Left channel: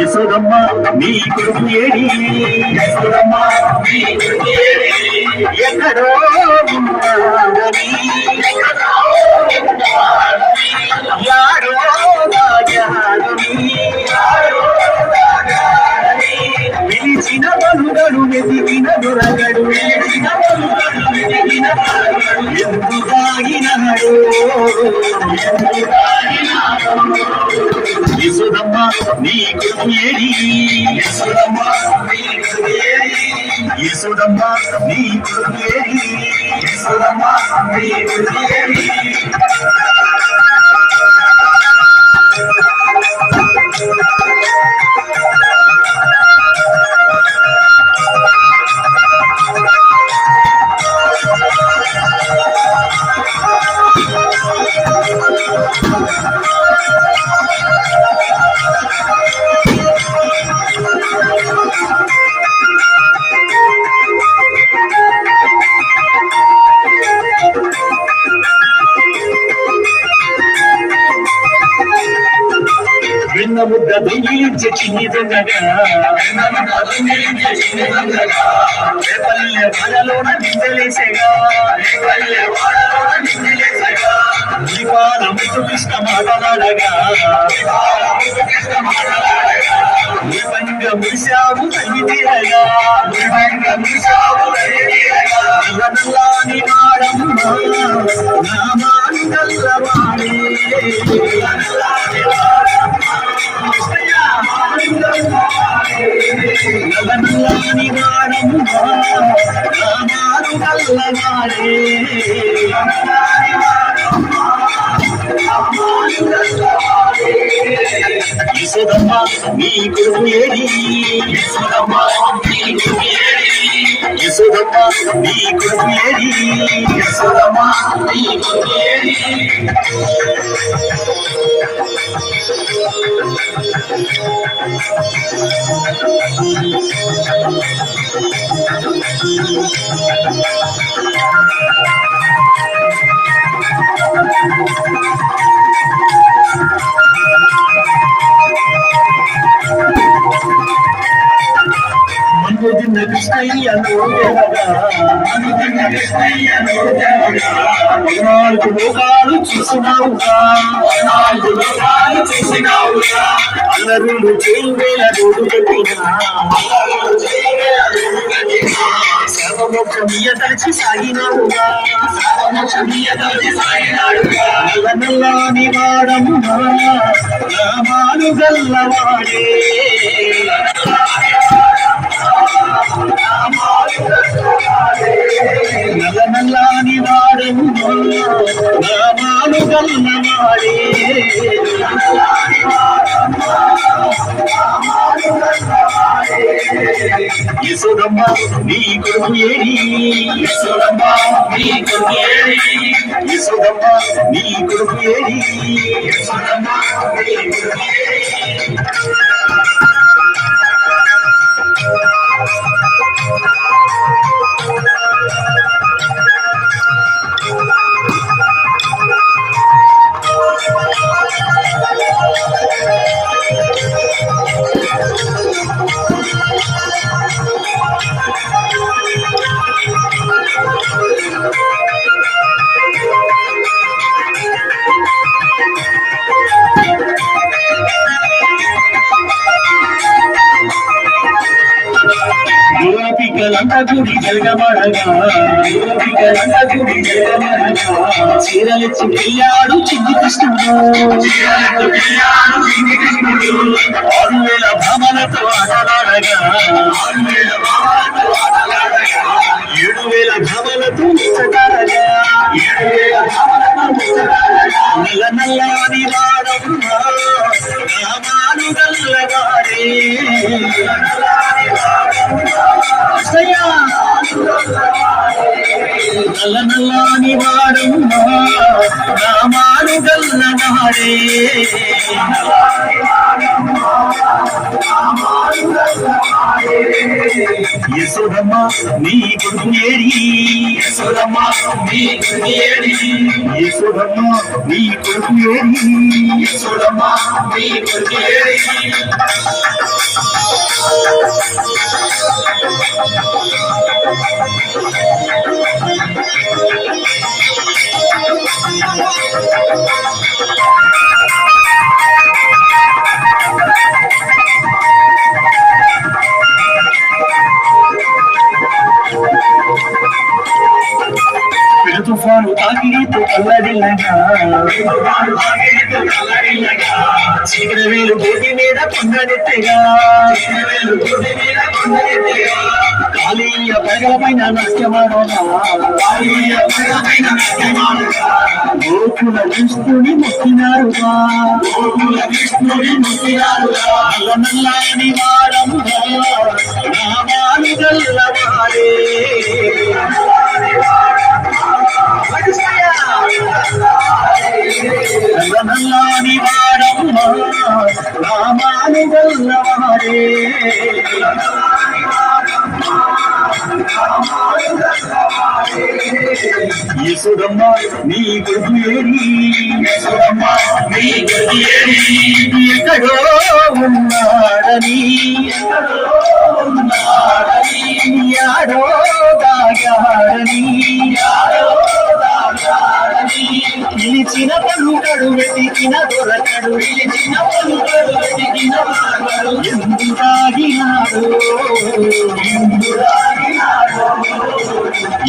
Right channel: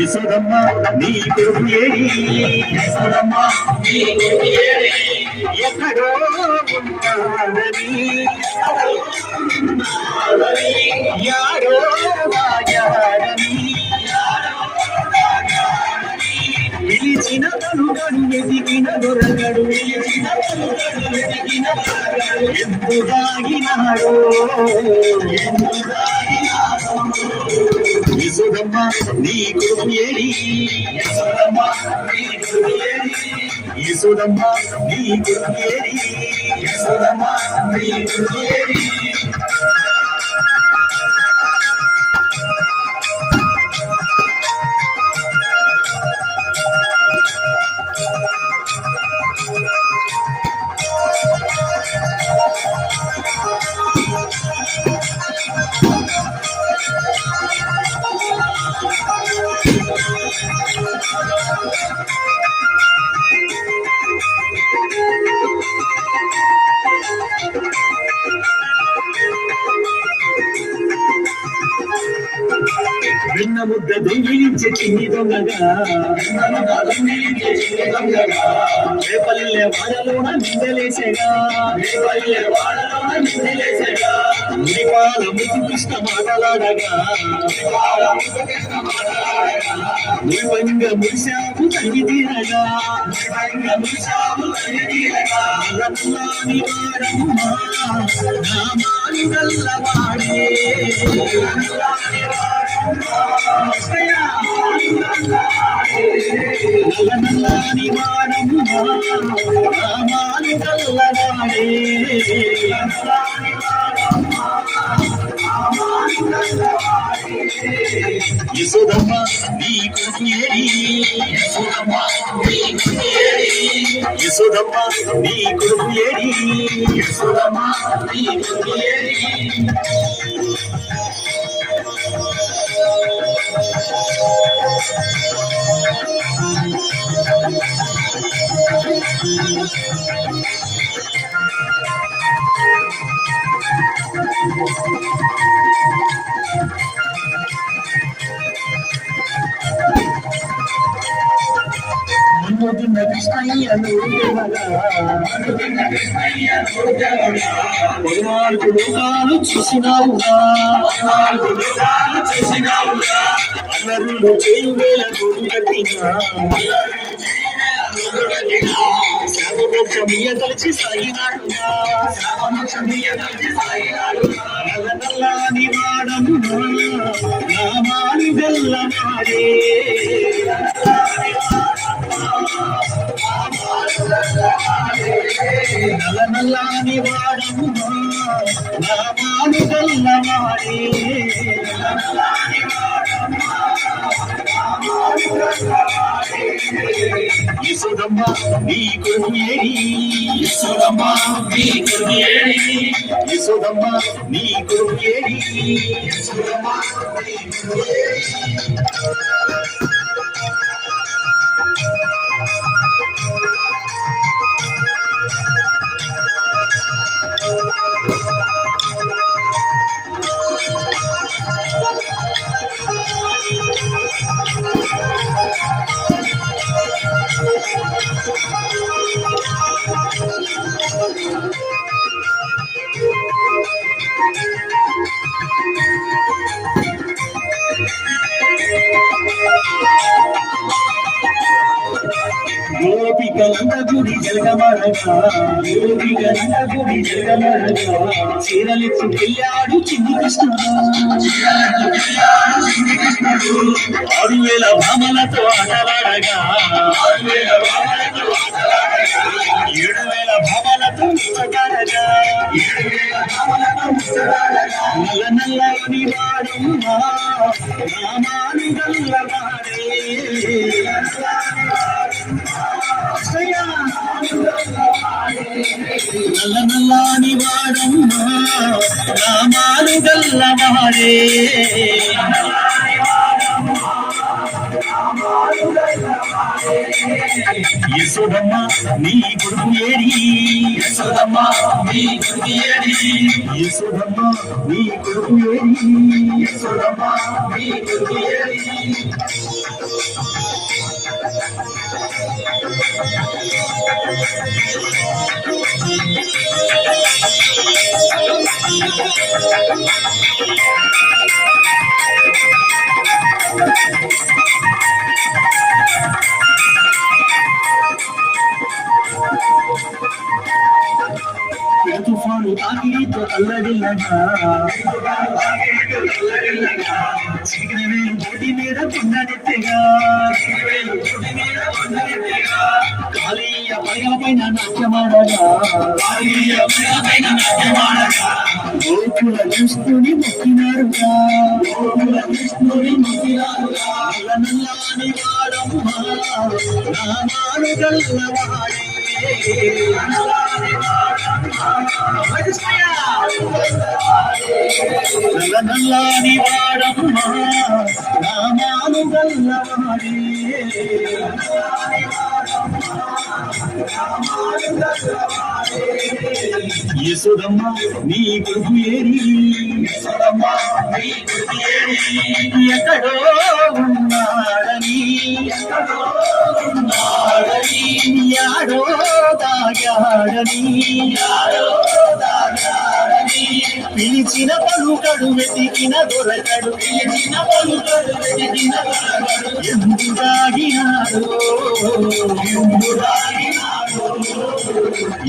యశోదమ్మ నీ కొడుకు ఏడి. యశోదమ్మ నీ కొడుకు ఏడి. ఎక్కడో ఉన్నాడని. పలుగడు వెతికిన దొరగడు. పిలిచిన ఎందు దాగినాడు యశోదమ్మ నీ కొడుకు ఏడి. యశోదమ్మ నీ కొడుకు ఏడి యశోదమ్మ నీ కొడుకు ఏడి యశోదమ్మ నీ కొడుకు ఏడి. రేపల్లె వాడలోన నిందలేసేగా రేపల్లె వాడలోన నిందలేసేగా ముడిపాల ముద్దు కృష్ణ మాటలాడగా ముడిపంగ తల్లి తీరగా ముడిపంగ తల్లి తీరగా నల్లని వాడమ్మ కల్లవాడే యశోదమ్మ నీ కొడుకు ఏడి యశోదమ్మ నీ కొడుకు ఏడి యశోదమ్మ నీ కొడుకు ఏడి యశోదమ్మ నీ కొడుకు ఏడి మన్మోదిన కృష్ణయ్య పద్నాలుగు లోకాలు చూసినావుగా పద్నాలుగు లోకాలు చూసినావుగా అల్లరులు చేయువేల రోడ్డు కట్టినా అల్లరులు రోడ్డు కట్టినా సర్వమోక్షమీయ తలచి సాగినావుగా సర్వమోక్షమీయ తలచి సాగినాడుగా నల్లని నామాలు గల్లవాడే నల్ల నల్లని వాడమ్మ నామాలు గల్లవాడే యశోదమ్మ నీ కొడుకు ఏడి యశోదమ్మ నీ కొడుకు ఏడి యశోదమ్మ నీ కొడుకు ఏడి యశోదమ్మ నీ కొడుకు ఏడి గోపికలంత గుడి జలగమడగా గుడి జలగమడగా చీరలెత్తి పెళ్ళాడు చిన్ని కృష్ణుడు ఆరు వేల భామలతో ఆటలాడగా ఏడు వేల భామలతో ముచ్చటాడగా నల్ల నల్లని వాడమ్మ గల్లవాడే యశోదమ్మ నీ కొడుకు ఏడి యశోదమ్మ నీ కొడుకు ఏడి యశోదమ్మ నీ కొడుకు చీకటి వేలు గోటి మీద కొండడెత్తగా కాళీయ పడగల పైన నాట్యమాడగా. గోకుల కృష్ణుని మొక్కినారుగా. గోకుల కృష్ణుని మొక్కినారుగా. నల్లని వాడమ్మ నామాలు గల్లవాడే నల్లాని వాడమ్మ యశోదమ్మ నీ కొడుకు ఏరి యశోదమ్మ నీ కొడుకు ఏరి ఎక్కడో ఉన్నాడని యాడో దాగాడని. పిలిచిన పలుకడు వెతికిన దొరకడు పిలిచిన పలుకడు వెతికిన ఎందుకు ఎందు దాగినాడు? ఎందు